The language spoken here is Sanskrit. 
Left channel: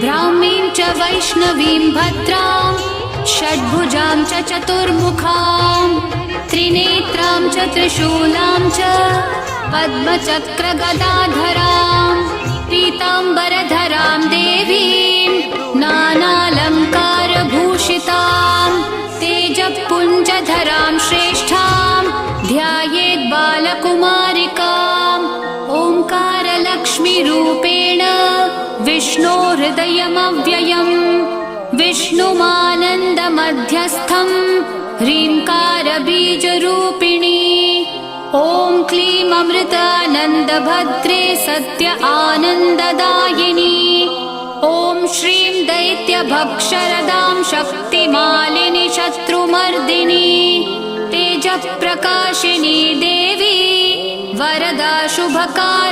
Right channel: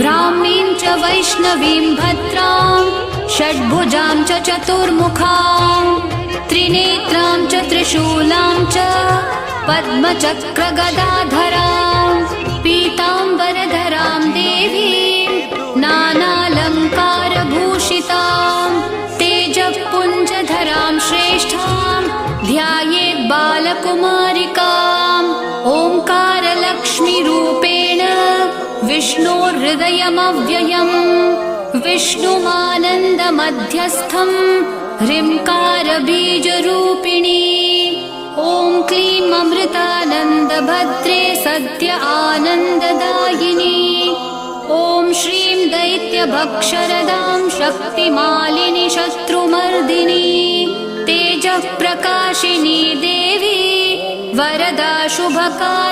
ब्राह्मीं च वैष्णवीं भद्रां षड्भुजां च चतुर्मुखां त्रिनेत्रां च त्रिशूलां च पद्मचक्रगदाधरां पीताम्बरधरां देवीं नानालङ्कारभूषितां तेजःपुञ्जधरां श्रेष्ठां ध्यायेत् बालकुमारिकाम् ओङ्कारलक्ष्मीरूपेण विष्णोर्हृदयमव्ययम् विष्णुमानन्दमध्यस्थम् ह्रीङ्कारबीजरूपिणी ॐ क्लीं अमृतानन्दभद्रे सत्य आनन्ददायिनी ॐ श्रीं दैत्यभक्षरदां शक्तिमालिनि शत्रुमर्दिनी तेजःप्रकाशिनी देवी वरदा शुभकारिणी